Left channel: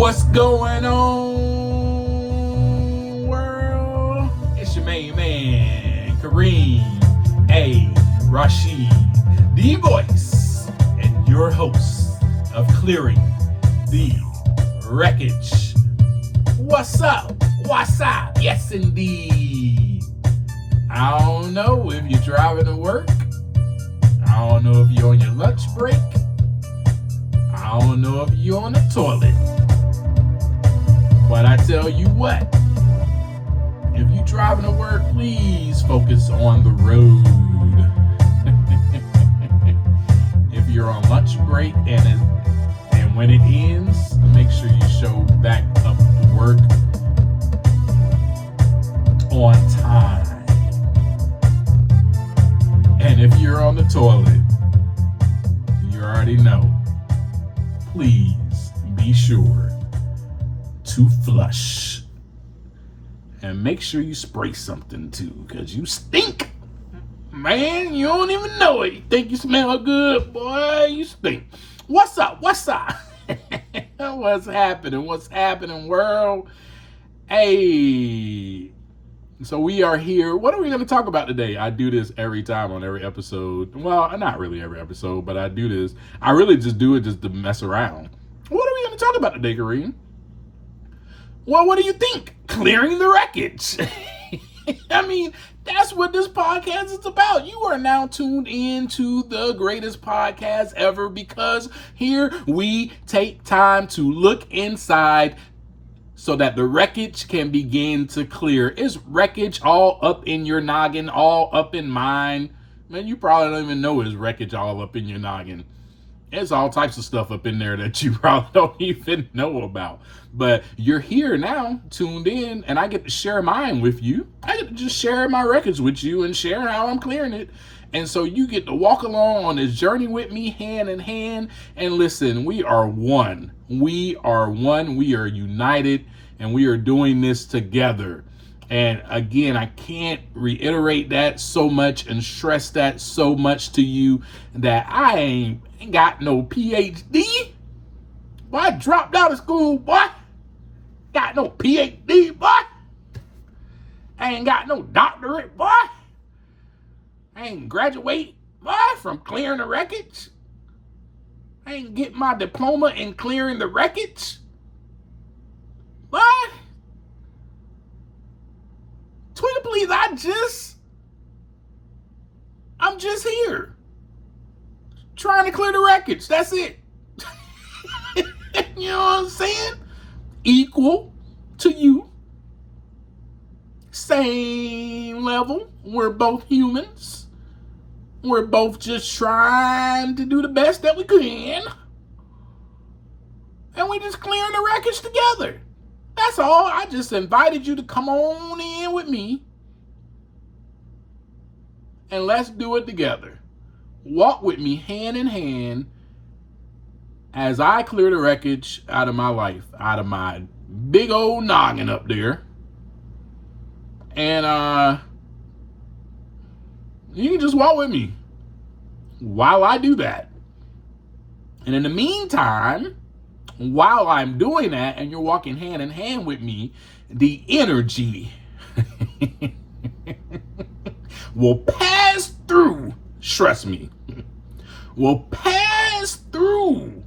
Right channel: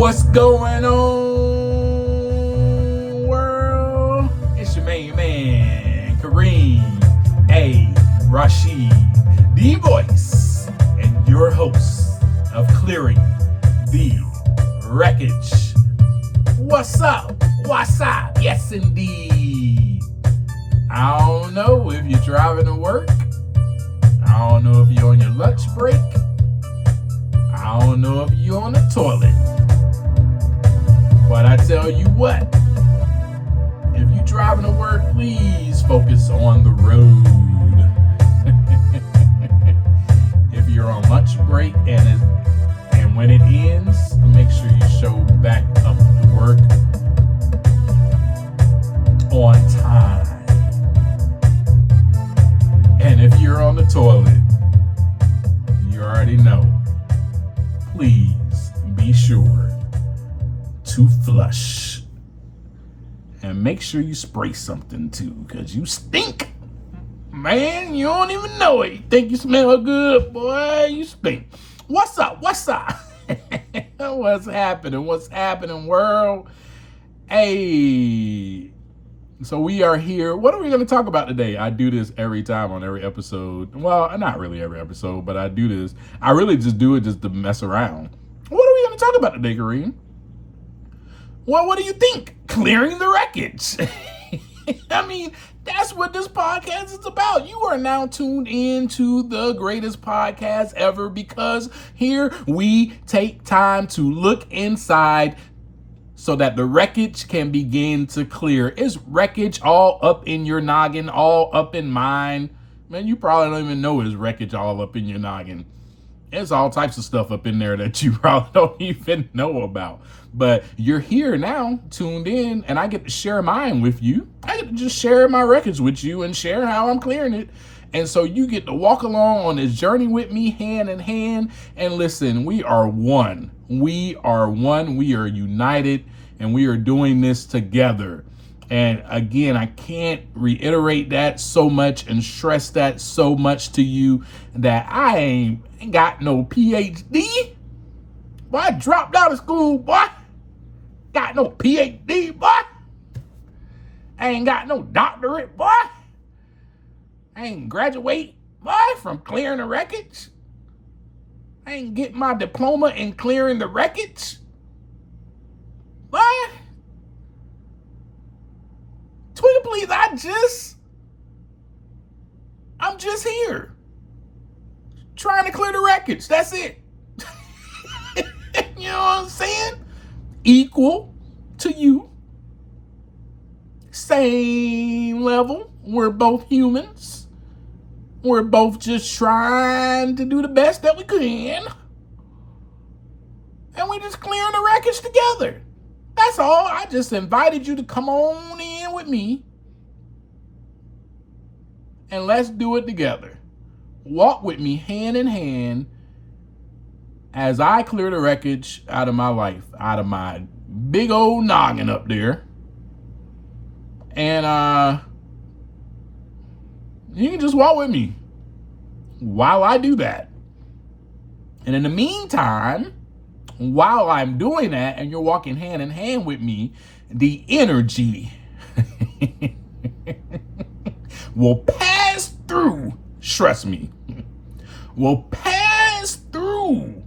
What's going on, world? It's your main man, Kareem A. Rashid, the voice and your host of Clearing the Wreckage. What's up? What's up? Yes, indeed. I don't know if you're driving to work. I don't know if you're on your lunch break. I don't know if you're on the toilet. But I tell you what, if you're driving to work, please focus on the road. If you're on lunch break and when it ends, make sure you show back up to work on time. And if you're on the toilet, you already know, please be sure to flush. And make sure you spray something too, because you stink. Man, you don't even know it. You think you smell good, boy, you stink. What's up? What's up? What's happening? What's happening, world? Hey. So we are here. What are we going to talk about today? I do this every time on every episode. Well, not really every episode, but I do this. I really just do it just to mess around. What are we going to talk about today, Kareem? Well, what do you think? Clearing the wreckage. I mean, that's what this podcast is about. You are now tuned in to the greatest podcast ever, because here we take time to look inside so that the wreckage can begin to clear. Is wreckage all up in your noggin, all up in mine? Man, you probably don't even know it's wreckage all up in your noggin. There's all types of stuff up in there that you probably don't even know about. But you're here now, tuned in, and I get to share mine with you. I get to just share my wreckage with you and share how I'm clearing it. And so you get to walk along on this journey with me, hand in hand. And listen, we are one. We are one. We are united, and we are doing this together. And again, I can't reiterate that so much and stress that so much to you that I ain't got no PhD. Boy, I dropped out of school, boy. Got no PhD, boy. I ain't got no doctorate, boy. I ain't graduate, boy, from clearing the wreckage. I ain't get my diploma in clearing the wreckage. Boy. Tweet, please, I'm just here. Trying to clear the wreckage. That's it. You know what I'm saying? Equal to you. Same level. We're both humans. We're both just trying to do the best that we can. And we just clearing the wreckage together. That's all. I just invited you to come on in with me. And let's do it together. Walk with me hand in hand as I clear the wreckage out of my life, out of my big old noggin up there. And you can just walk with me while I do that. And in the meantime, while I'm doing that and you're walking hand in hand with me, the energy will pass through, trust me, will pass through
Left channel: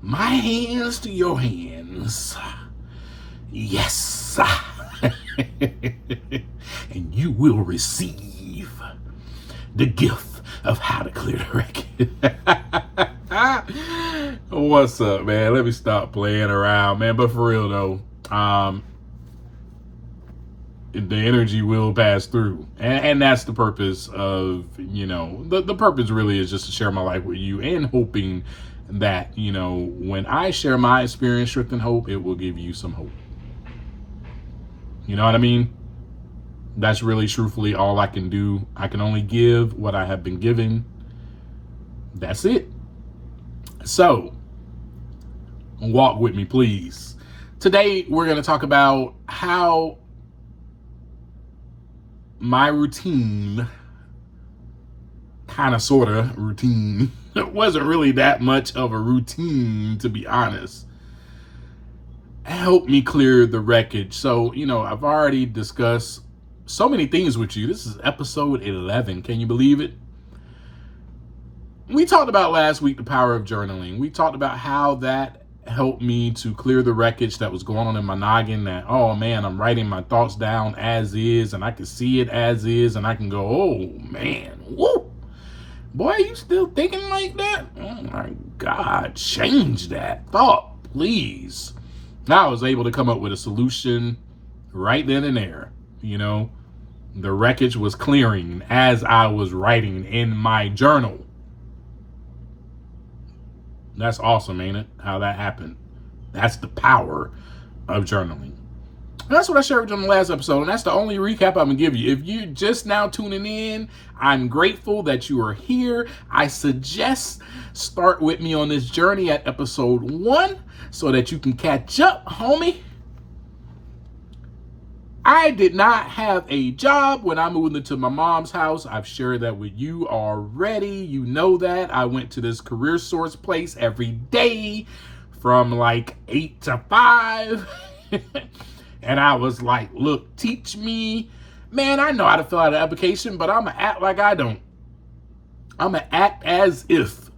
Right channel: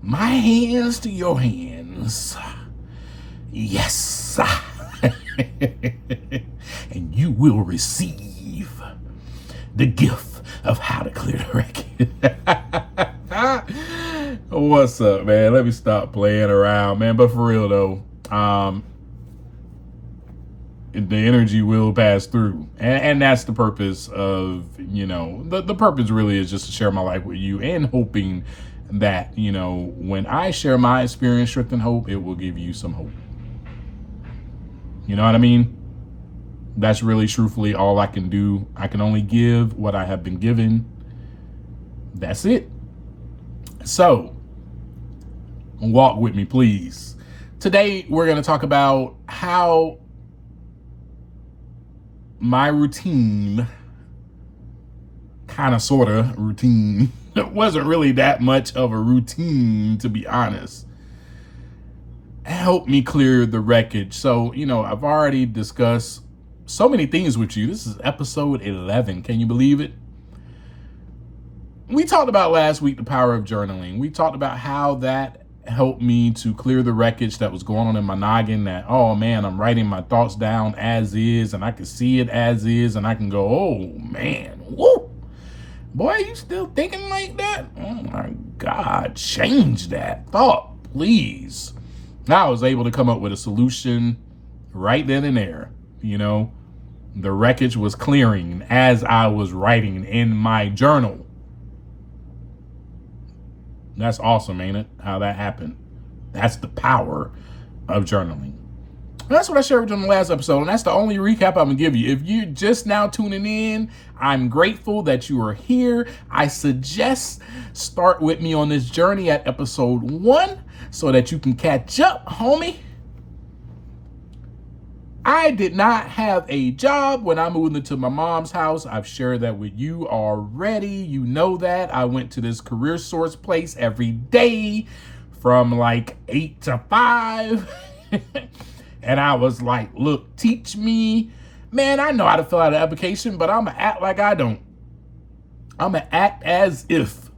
my hands to your hands. Yes. And you will receive the gift of how to clear the wreckage. What's up, man? Let me stop playing around, man. But for real though, the energy will pass through, and that's the purpose of, the purpose really is just to share my life with you, and hoping that, when I share my experience, strength, and hope, it will give you some hope. You know what I mean? That's really truthfully all I can do. I can only give what I have been given. That's it. So walk with me, please. Today, we're going to talk about how my routine, kind of, sort of routine, it wasn't really that much of a routine, to be honest. help me clear the wreckage. So, I've already discussed so many things with you. This is episode 11. Can you believe it? We talked about last week the power of journaling. We talked about how that helped me to clear the wreckage that was going on in my noggin, that, oh man, I'm writing my thoughts down as is, and I can see it as is, and I can go, oh man, whoa, boy, you still thinking like that? Oh my God, change that thought, please. I was able to come up with a solution right then and there. The wreckage was clearing as I was writing in my journal. That's awesome, ain't it? How that happened. That's the power of journaling. And that's what I shared with you in the last episode, and that's the only recap I'm going to give you. If you're just now tuning in, I'm grateful that you are here. I suggest start with me on this journey at episode 1 so that you can catch up, homie. I did not have a job when I moved into my mom's house. I've shared that with you already. You know that. I went to this career source place every day from like 8 to 5. And I was like, look, teach me. Man, I know how to fill out an application, but I'm going to act like I don't. I'm going to act as if.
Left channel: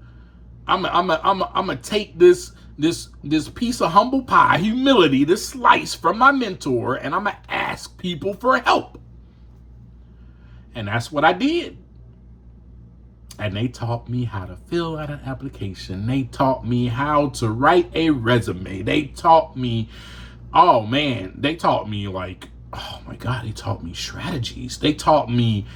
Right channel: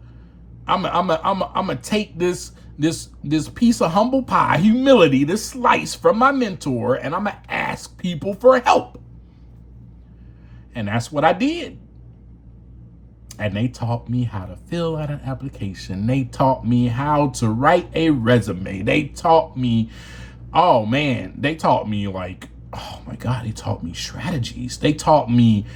I'm going to take this piece of humble pie, humility, this slice from my mentor, and I'm going to ask people for help. And that's what I did. And they taught me how to fill out an application. They taught me how to write a resume. They taught me, oh man, they taught me like, oh my God, they taught me strategies. They taught me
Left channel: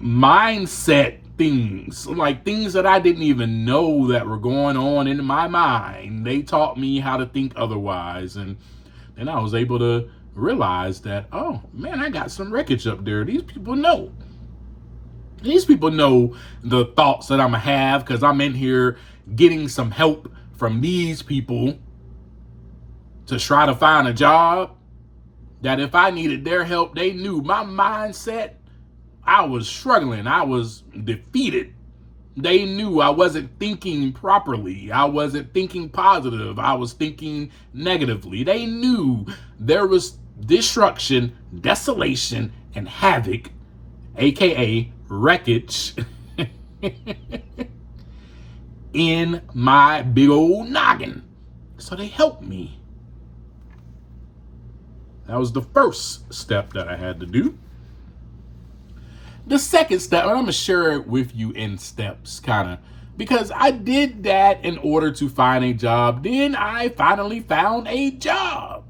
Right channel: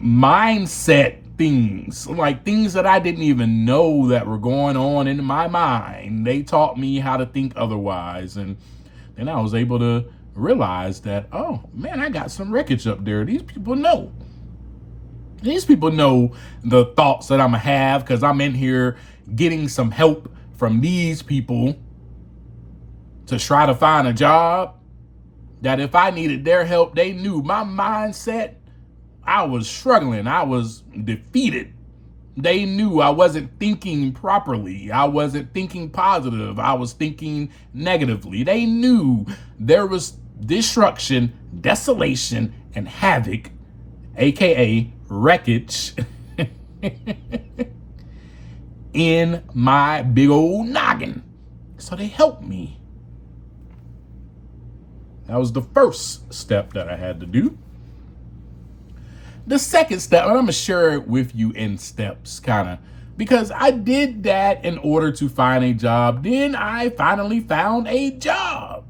mindset things, like things that I didn't even know that were going on in my mind. They taught me how to think otherwise. And then I was able to realize that, oh man, I got some wreckage up there. These people know. These people know the thoughts that I'm gonna have because I'm in here getting some help from these people to try to find a job. That if I needed their help, they knew my mindset. I was struggling. I was defeated. They knew I wasn't thinking properly. I wasn't thinking positive. I was thinking negatively. They knew there was destruction, desolation, and havoc, aka wreckage, in my big old noggin. So they helped me. That was the first step that I had to do. The second step, and I'm going to share it with you in steps, kind of, because I did that in order to find a job. Then I finally found a job.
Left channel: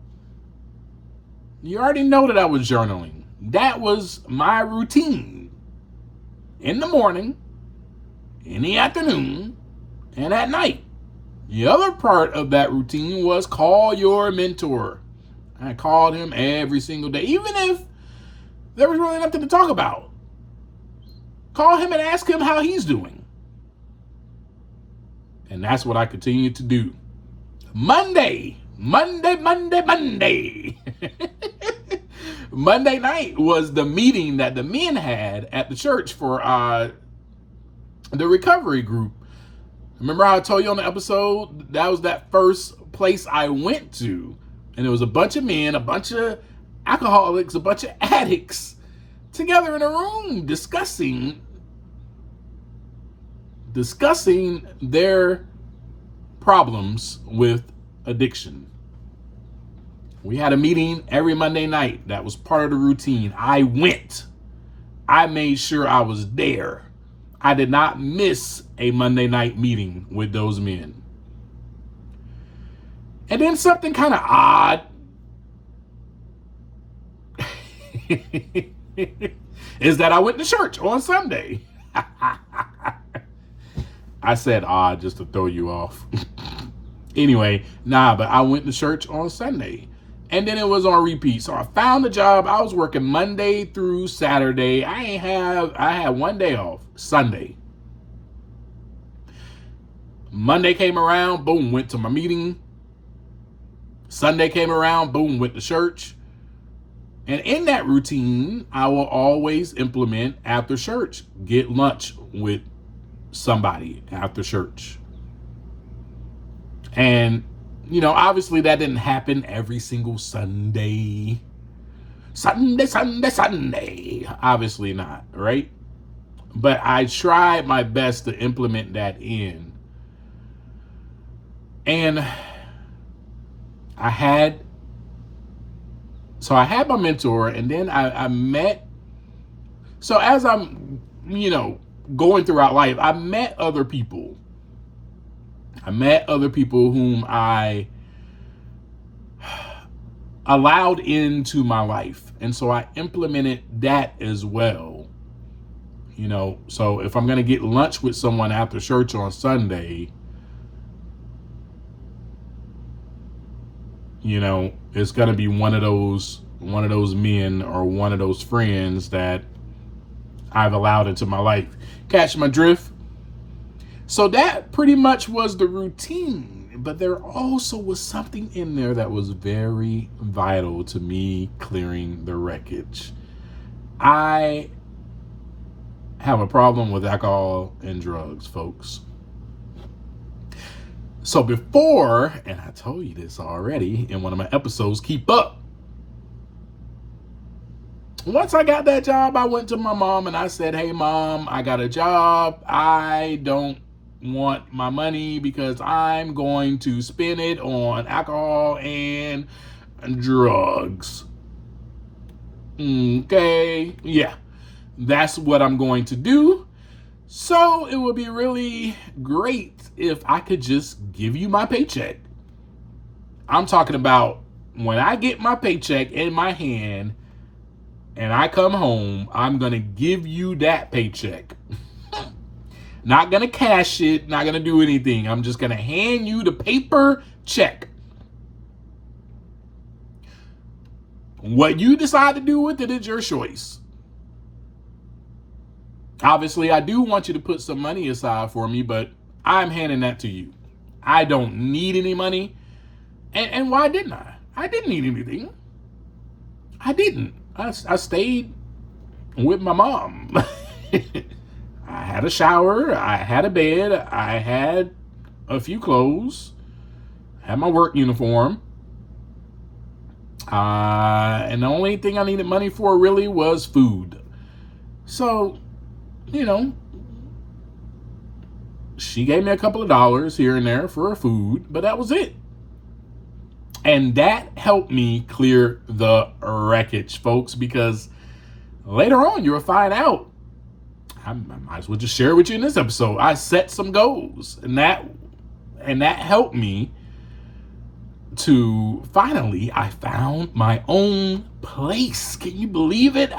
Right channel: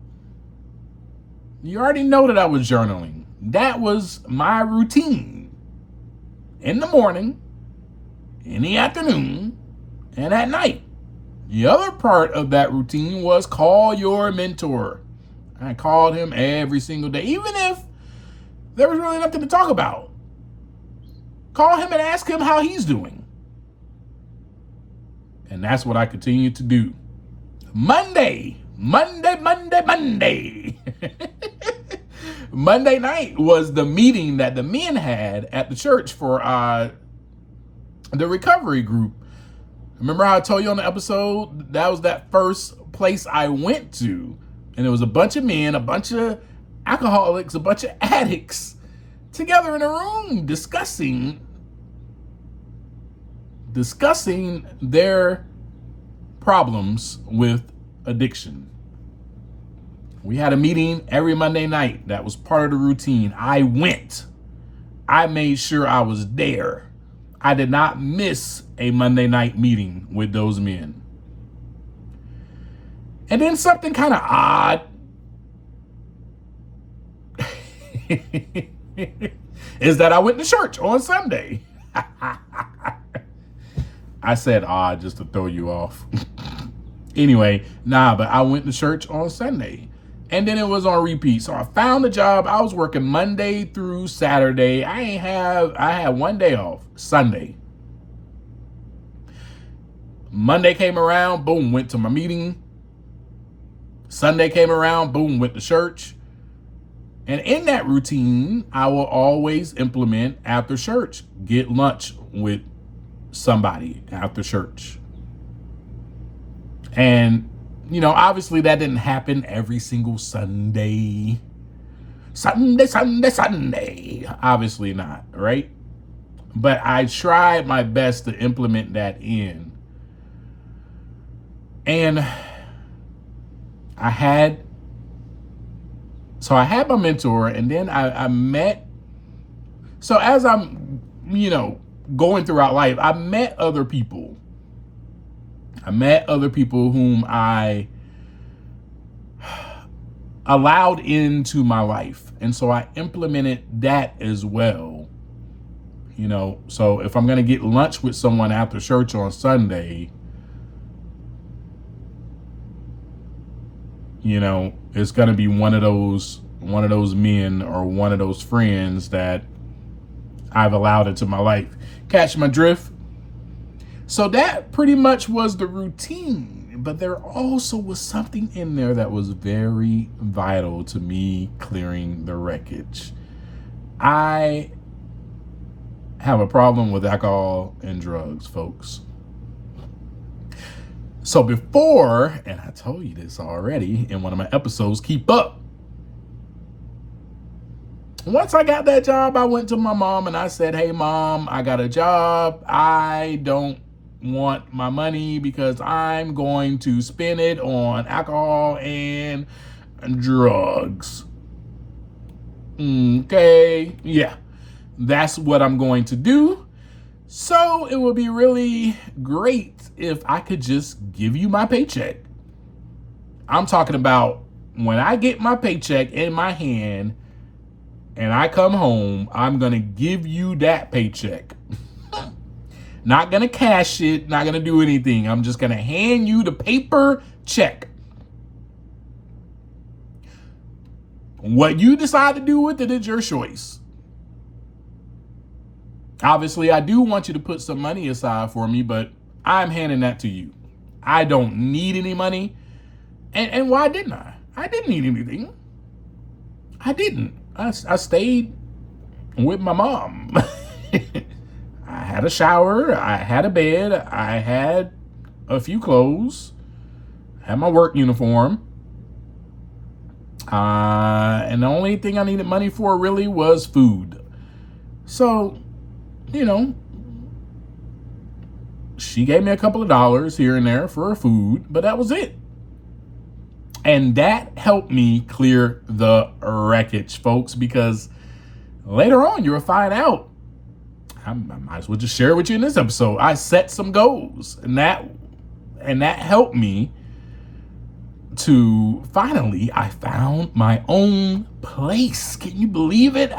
You already know that I was journaling. That was my routine. In the morning, in the afternoon, and at night. The other part of that routine was call your mentor. I called him every single day, even if there was really nothing to talk about. Call him and ask him how he's doing. And that's what I continue to do. Monday. Monday night was the meeting that the men had at the church for the recovery group. Remember how I told you on the episode, that was that first place I went to. And there was a bunch of men, a bunch of alcoholics, a bunch of addicts together in a room discussing their problems with addiction. We had a meeting every Monday night. That was part of the routine. I went. I made sure I was there. I did not miss a Monday night meeting with those men. And then something kind of odd is that I went to church on Sunday. I said odd just to throw you off. Anyway, but I went to church on Sunday. And then it was on repeat. So I found a job. I was working Monday through Saturday. I had one day off, Sunday. Monday came around, boom, went to my meeting. Sunday came around, boom, went to church. And in that routine, I will always implement after church, get lunch with somebody after church. And Obviously that didn't happen every single Sunday. Sunday. Obviously not, right? But I tried my best to implement that in. And I had my mentor, and then I met. So as I'm, going throughout life, I met other people. I met other people whom I allowed into my life. And so I implemented that as well. So if I'm going to get lunch with someone after church on Sunday, it's going to be one of those men or one of those friends that I've allowed into my life. Catch my drift? So that pretty much was the routine, but there also was something in there that was very vital to me clearing the wreckage. I have a problem with alcohol and drugs, folks. So before, and I told you this already in one of my episodes, keep up. Once I got that job, I went to my mom and I said, "Hey, Mom, I got a job. I don't want my money because I'm going to spend it on alcohol and drugs." Okay, yeah, that's what I'm going to do. So it would be really great if I could just give you my paycheck. I'm talking about when I get my paycheck in my hand and I come home, I'm going to give you that paycheck. Not going to cash it, not going to do anything. I'm just going to hand you the paper check. What you decide to do with it is your choice. Obviously, I do want you to put some money aside for me, but I'm handing that to you. I don't need any money. And why didn't I? I didn't need anything. I didn't. I stayed with my mom. I had a shower. I had a bed. I had a few clothes. I had my work uniform. And the only thing I needed money for really was food. So, she gave me a couple of dollars here and there for food, but that was it. And that helped me clear the wreckage, folks, because later on you'll find out. I might as well just share it with you in this episode. I set some goals, and that helped me to finally, I found my own place. Can you believe it?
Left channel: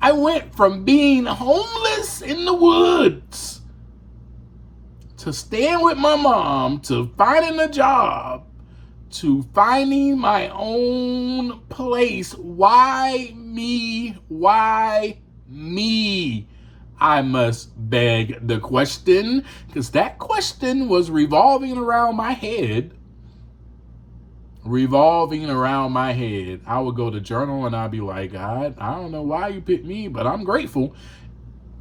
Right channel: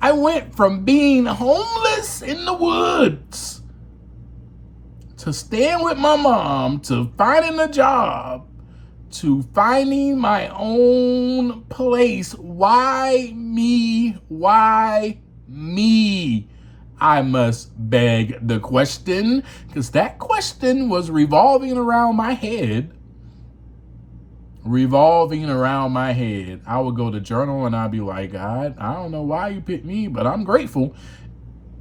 I went from being homeless in the woods to staying with my mom to finding a job to finding my own place. Why me? Why me? I must beg the question, because that question was revolving around my head. I would go to journal and I'd be like, "God, I don't know why you picked me, but I'm grateful."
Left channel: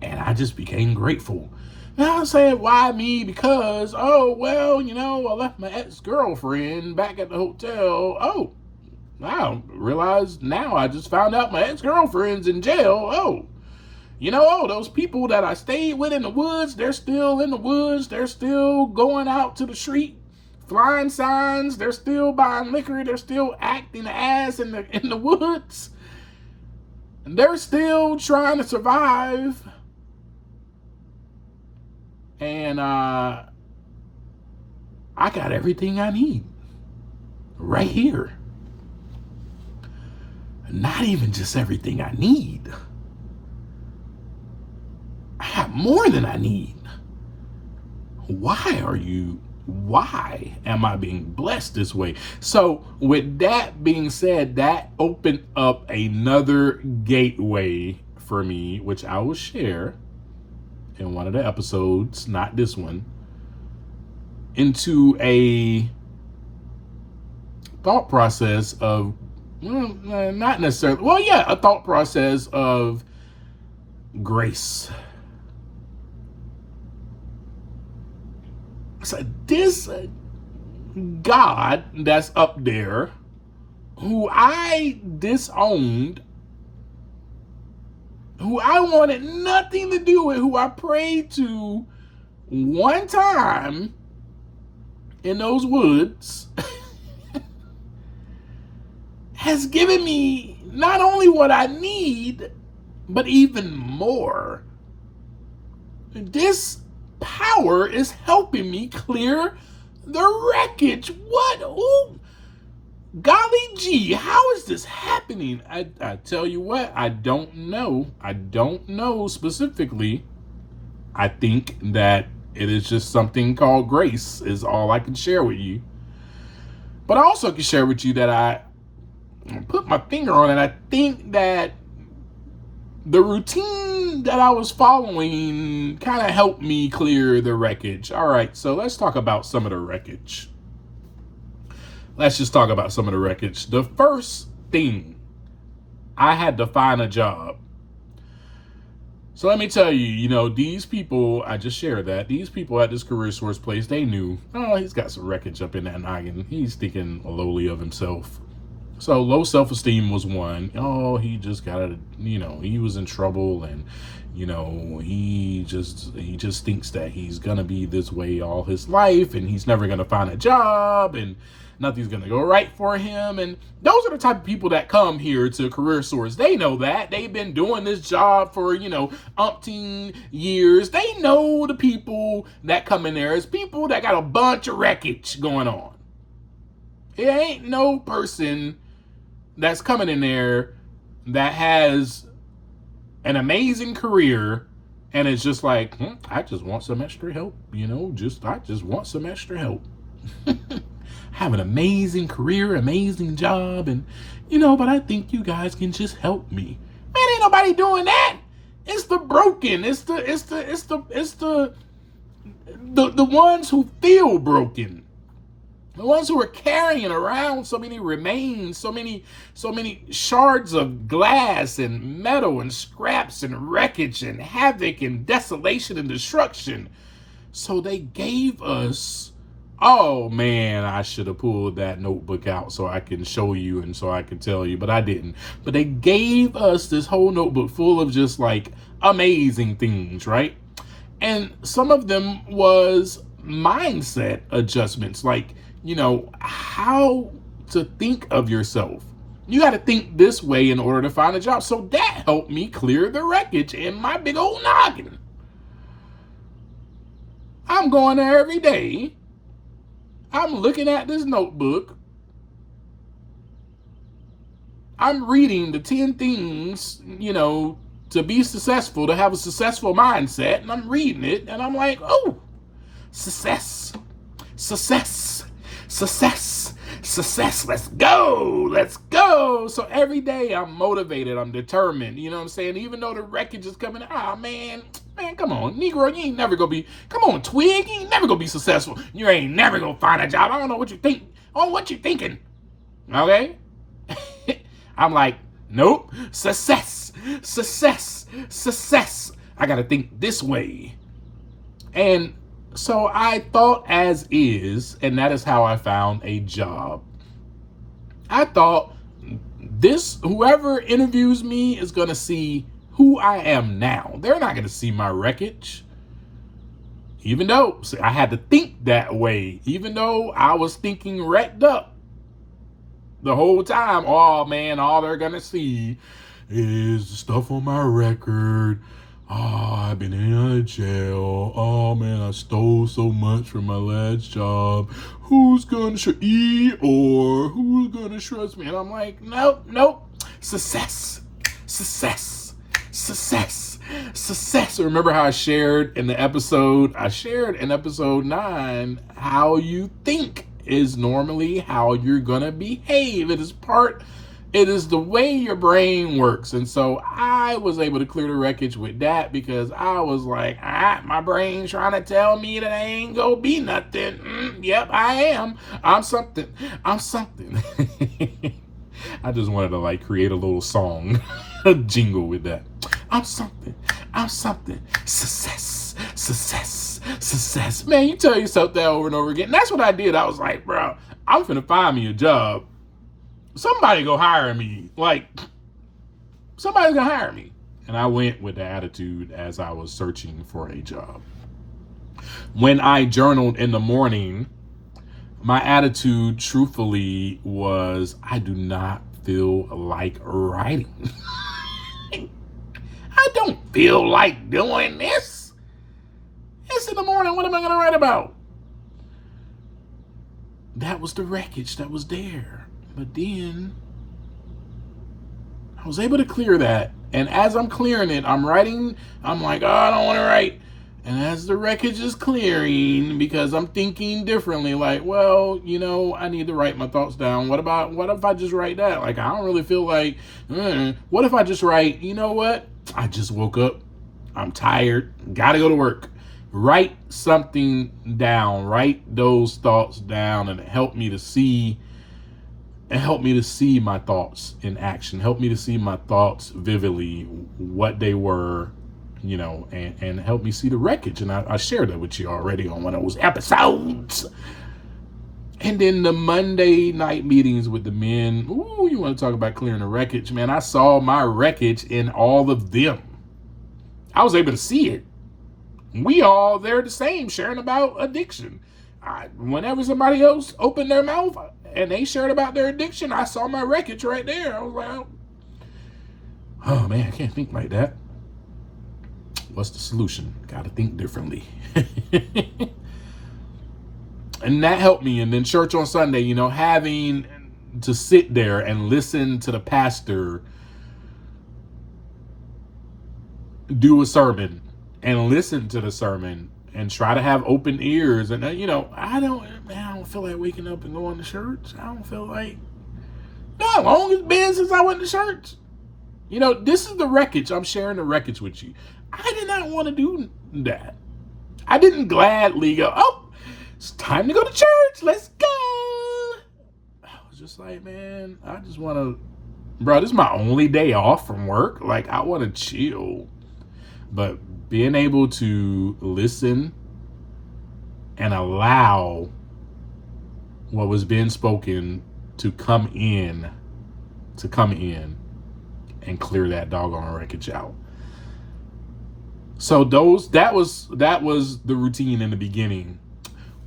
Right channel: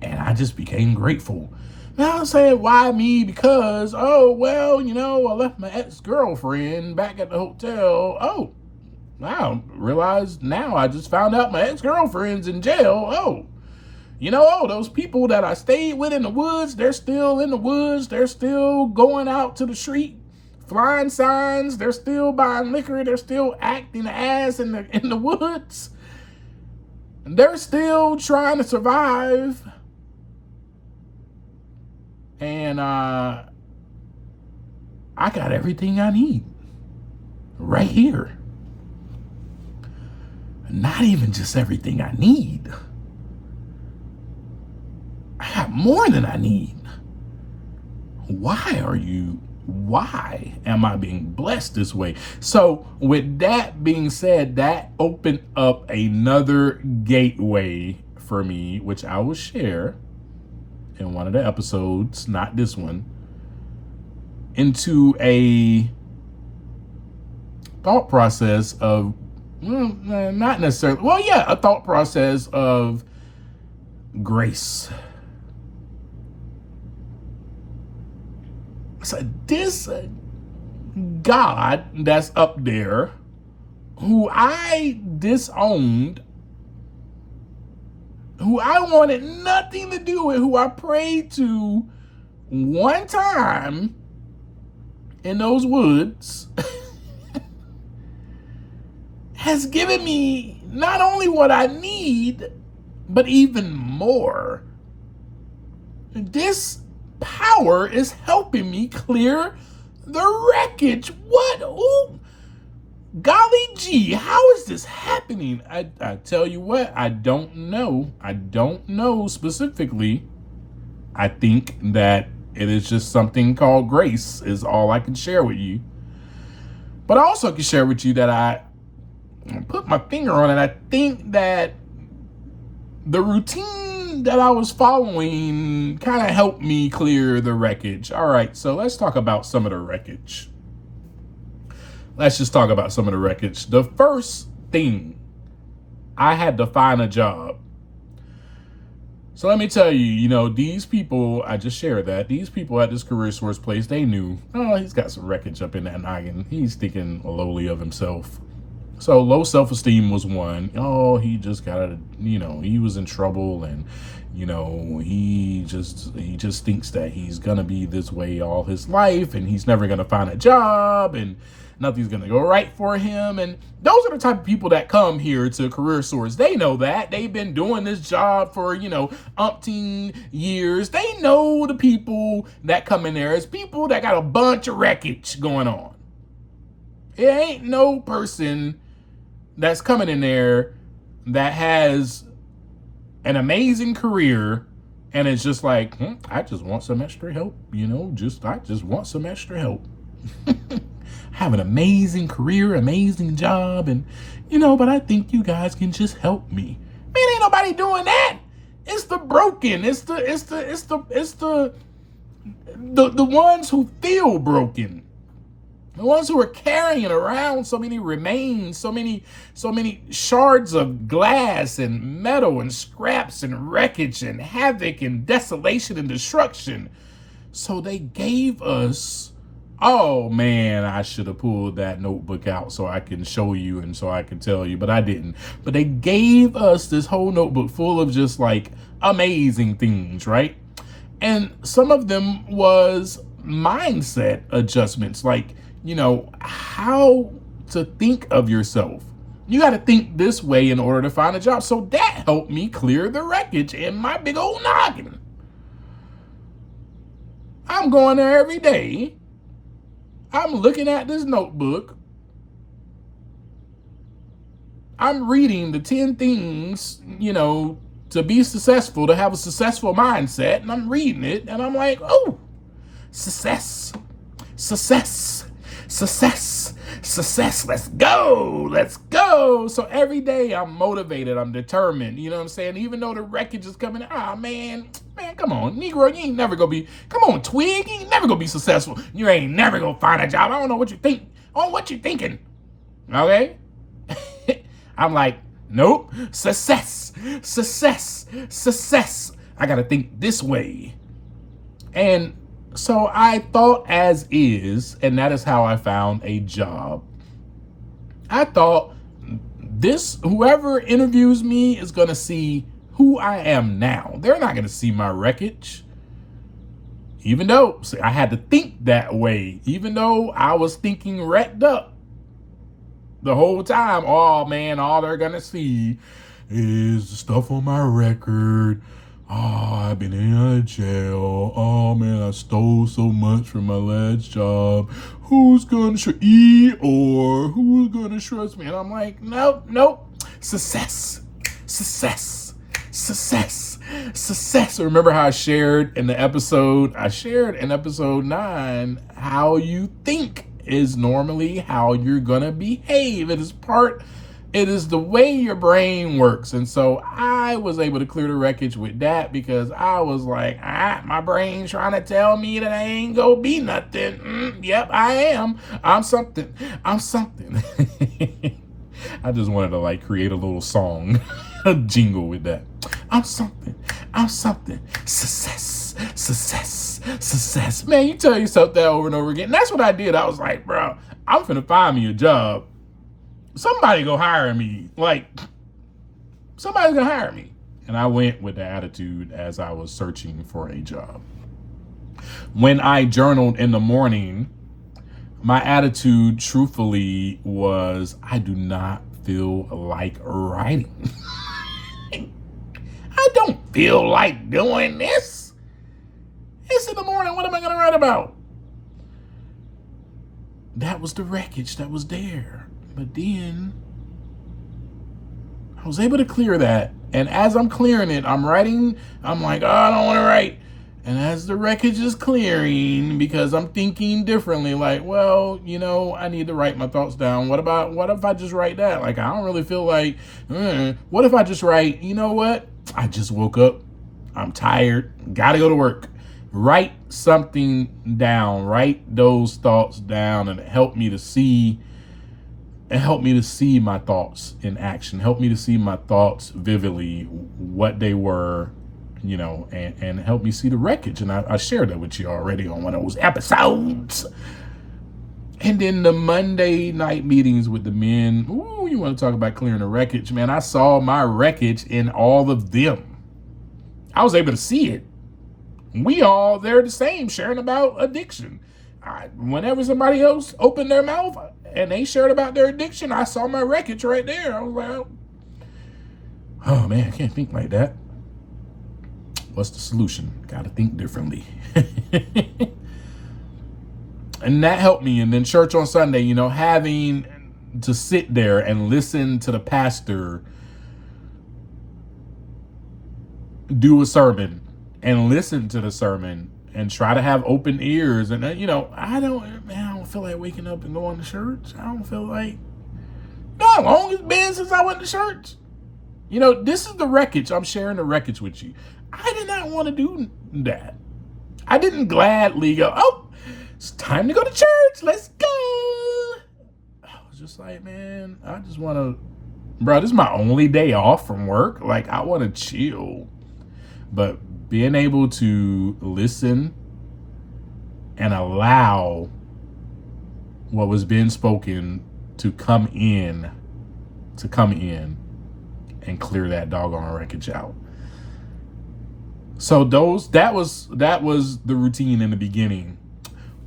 And I just became grateful. Now I'm saying, why me? Because, I left my ex-girlfriend back at the hotel. Oh, I realized now, I just found out my ex-girlfriend's in jail. Those people that I stayed with in the woods, they're still in the woods. They're still going out to the street, flying signs. They're still buying liquor. They're still acting ass in the woods. They're still trying to survive. And I got everything I need right here. Not even just everything I need. I have more than I need. Why am I being blessed this way? So with that being said, that opened up another gateway for me, which I will share in one of the episodes, not this one, into a thought process of, not necessarily, a thought process of grace. So this God that's up there who I disowned, who I wanted nothing to do with, who I prayed to one time in those woods, has given me not only what I need, but even more. This power is helping me clear the wreckage. What? Ooh, golly gee, how is this happening? I tell you what, I don't know. I don't know specifically. I think that it is just something called grace is all I can share with you. But I also can share with you that I put my finger on it. I think that the routine that I was following kind of helped me clear the wreckage. All right, so let's talk about some of the wreckage. Let's just talk about some of the wreckage. The first thing, I had to find a job. So let me tell you, these people, I just shared that, these people at this career source place, they knew, oh, he's got some wreckage up in that noggin. He's thinking lowly of himself. So low self-esteem was one. Oh, he just got he was in trouble, and, he just thinks that he's going to be this way all his life, and he's never going to find a job, and nothing's going to go right for him. And those are the type of people that come here to Career Source. They know that. They've been doing this job for, umpteen years. They know the people that come in there as people that got a bunch of wreckage going on. It ain't no person that's coming in there that has an amazing career and it's just like, I just want some extra help, I just want some extra help. Have an amazing career, amazing job, and but I think you guys can just help me. Man, ain't nobody doing that. It's the broken. It's the ones who feel broken. The ones who are carrying around so many remains, so many shards of glass and metal and scraps and wreckage and havoc and desolation and destruction. So they gave us, oh man, I should have pulled that notebook out so I can show you and so I can tell you, but I didn't. But they gave us this whole notebook full of just like amazing things, right? And some of them was mindset adjustments, like, how to think of yourself. You got to think this way in order to find a job. So that helped me clear the wreckage in my big old noggin. I'm going there every day. I'm looking at this notebook. I'm reading the 10 things, to be successful, to have a successful mindset. And I'm reading it and I'm like, oh, success. Let's go. So every day I'm motivated. I'm determined. You know what I'm saying? Even though the wreckage is coming, man, come on, Negro, you ain't never gonna be, come on, Twig, you ain't never gonna be successful. You ain't never gonna find a job. I don't know what you think. Oh, what you thinking? Okay? I'm like, nope, success. I gotta think this way. And so I thought as is, and that is how I found a job. I thought whoever interviews me is going to see who I am now. They're not going to see my wreckage. Even though I had to think that way, even though I was thinking wrecked up the whole time. Oh man, all they're going to see is the stuff on my record. Oh, I've been in jail. Oh, man, I stole so much from my last job. Who's going to or who's going to trust me? And I'm like, nope. Success. Remember how I shared in episode 9, how you think is normally how you're going to behave. It is the way your brain works. And so I was able to clear the wreckage with that because I was like, my brain's trying to tell me that I ain't gonna be nothing. Yep, I am. I'm something. I just wanted to create a little song, a jingle with that. I'm something. Success. Success. Man, you tell yourself that over and over again. And that's what I did. I was like, bro, I'm finna find me a job. Somebody go hire me. Like, somebody's gonna hire me. And I went with the attitude as I was searching for a job. When I journaled in the morning, my attitude, truthfully, was I do not feel like writing. I don't feel like doing this. It's in the morning. What am I going to write about? That was the wreckage that was there. But then I was able to clear that. And as I'm clearing it, I'm writing. I'm like, oh, I don't want to write. And as the wreckage is clearing, because I'm thinking differently, like, well, you know, I need to write my thoughts down. What if I just write that? Like, I don't really feel like, what if I just write, you know what? I just woke up. I'm tired. Gotta go to work. Write something down. Write those thoughts down, and help me to see my thoughts in action. Help me to see my thoughts vividly, what they were, you know, and help me see the wreckage. And I shared that with you already on one of those episodes. And then the Monday night meetings with the men. Ooh, you want to talk about clearing the wreckage, man. I saw my wreckage in all of them. I was able to see it. They're the same, sharing about addiction. Whenever somebody else opened their mouth and they shared about their addiction, I saw my wreckage right there. I was like, oh man, I can't think like that. What's the solution? Got to think differently. And that helped me. And then church on Sunday, you know, having to sit there and listen to the pastor do a sermon and listen to the sermon and try to have open ears. And, you know, I don't feel like waking up and going to church. I don't feel like, how long it's been since I went to church? You know, this is the wreckage. I'm sharing the wreckage with you. I did not want to do that. I didn't gladly go, oh, it's time to go to church. Let's go. I was just like, man, I just want to, bro, this is my only day off from work. Like, I want to chill. But being able to listen and allow what was being spoken to come in and clear that doggone wreckage out. So that was the routine in the beginning.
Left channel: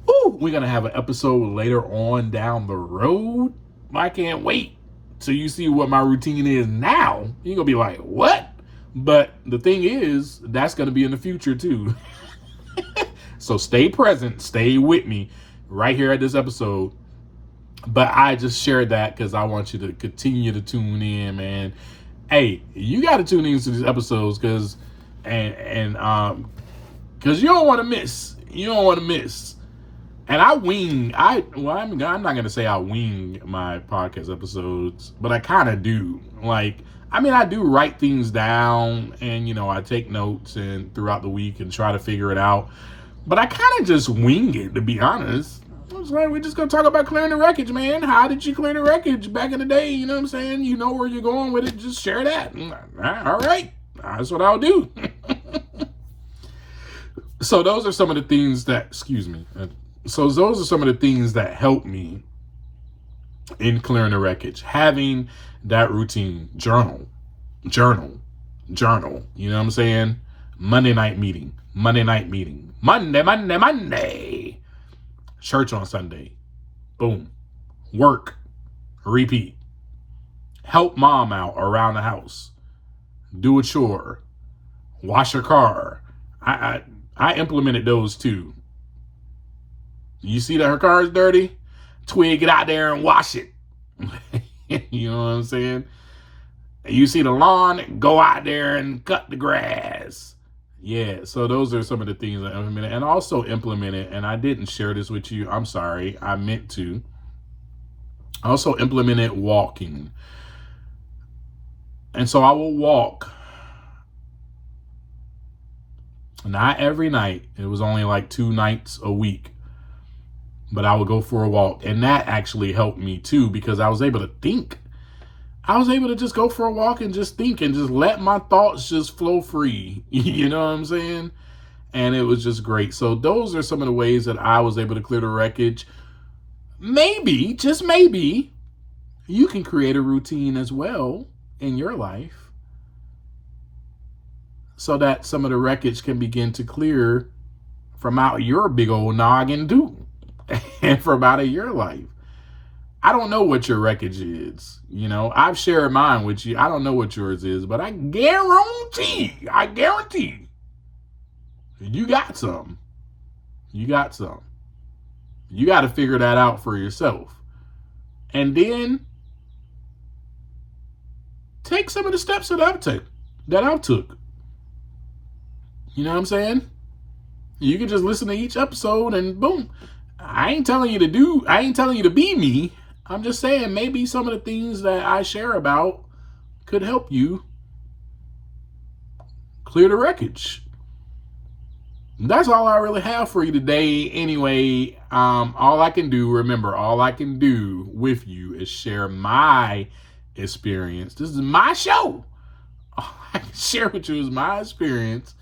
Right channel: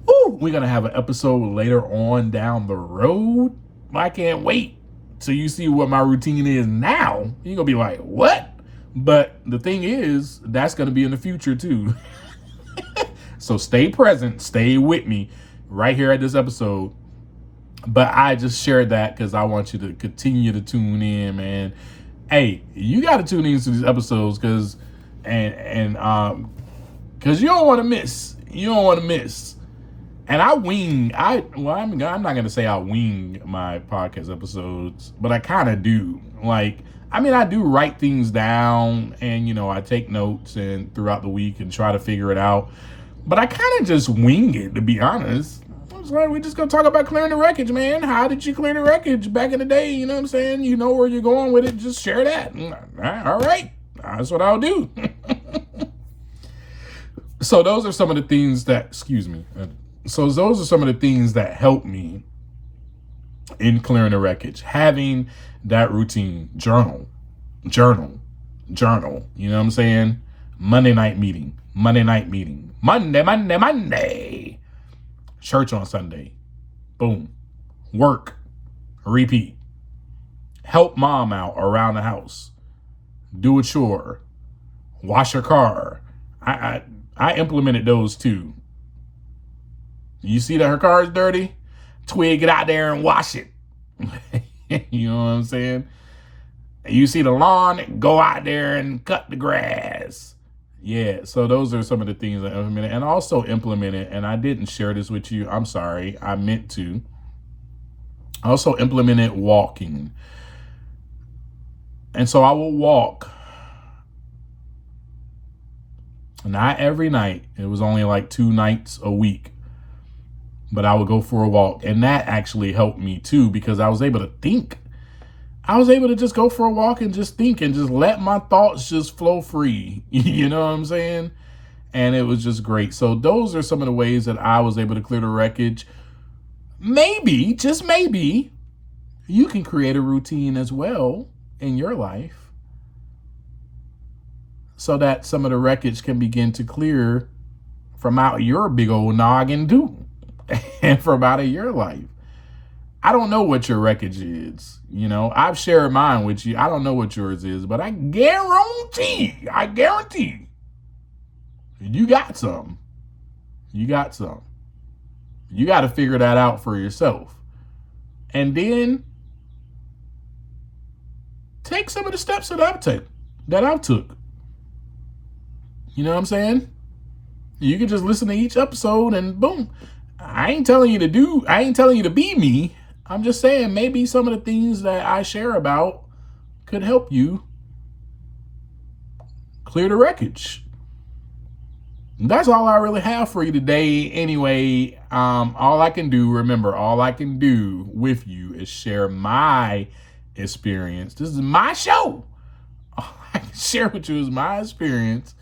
Ooh, we're gonna have an episode later on down the road. I can't wait till you see what my routine is now. You're gonna be like, what? But the thing is, that's gonna be in the future too. So stay present, stay with me right here at this episode. But I just shared that because I want you to continue to tune in, man. Hey, you got to tune into these episodes because you don't want to miss. You don't want to miss. And I'm not going to say I wing my podcast episodes, but I kind of do. Like, I mean, I do write things down and, you know, I take notes and throughout the week and try to figure it out. But I kind of just wing it, to be honest. I was like, we're just going to talk about clearing the wreckage, man. How did you clear the wreckage back in the day? You know what I'm saying? You know where you're going with it. Just share that. All right. That's what I'll do. So those are some of the things that, those are some of the things that help me in clearing the wreckage. Having that routine, journal. You know what I'm saying? Monday night meeting. Monday. Church on Sunday. Boom. Work. Repeat. Help mom out around the house. Do a chore. Wash her car. I implemented those too. You see that her car is dirty? Twig, get out there and wash it. You know what I'm saying? You see the lawn? Go out there and cut the grass. Yeah, so those are some of the things I implemented. And also implemented, and I didn't share this with you. I'm sorry. I meant to. I also implemented walking. And so I will walk. Not every night. It was only like 2 nights a week. But I would go for a walk. And that actually helped me too because I was able to think. I was able to just go for a walk and just think and just let my thoughts just flow free. You know what I'm saying? and it was just great. So those are some of the ways that I was able to clear the wreckage. Maybe, just maybe, you can create a routine as well in your life so that some of the wreckage can begin to clear from out your big old noggin too, and from out of your life. I don't know what your wreckage is. I've shared mine with you. I don't know what yours is, but I guarantee, you got some. You got some. You got to figure that out for yourself. And then take some of the steps that I've took. You know what I'm saying? You can just listen to each episode and boom. I ain't telling you to be me. I'm just saying maybe some of the things that I share about could help you clear the wreckage. That's all I really have for you today. Anyway, all I can do with you is share my experience. This is my show. All I can share with you is my experience,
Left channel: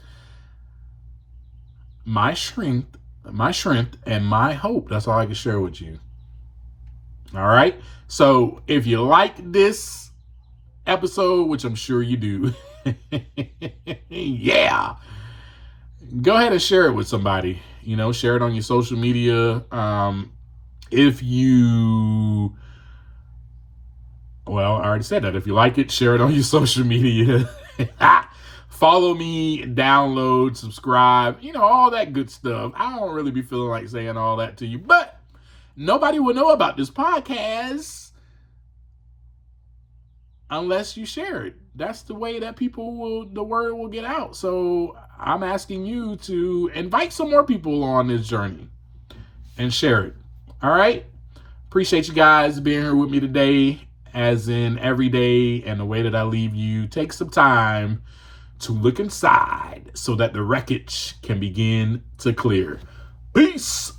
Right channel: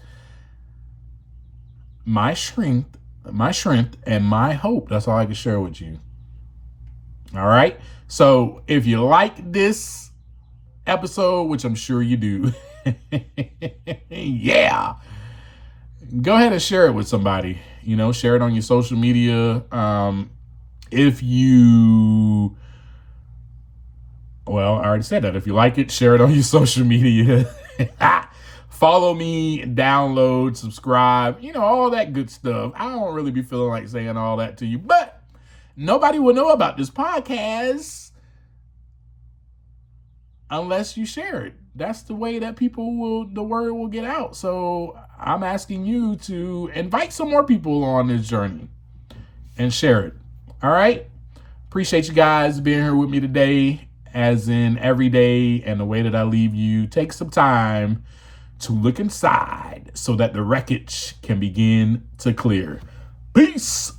my strength, and my hope. That's all I can share with you. All right. So if you like this episode, which I'm sure you do, yeah, go ahead and share it with somebody. Share it on your social media. If you, well, I already said that. If you like it, share it on your social media. Follow me, download, subscribe, all that good stuff. I don't really be feeling like saying all that to you, but nobody will know about this podcast unless you share it. That's the way that the word will get out. So I'm asking you to invite some more people on this journey and share it. All right. Appreciate you guys being here with me today, as in every day. And the way that I leave you, take some time to look inside so that the wreckage can begin to clear. Peace.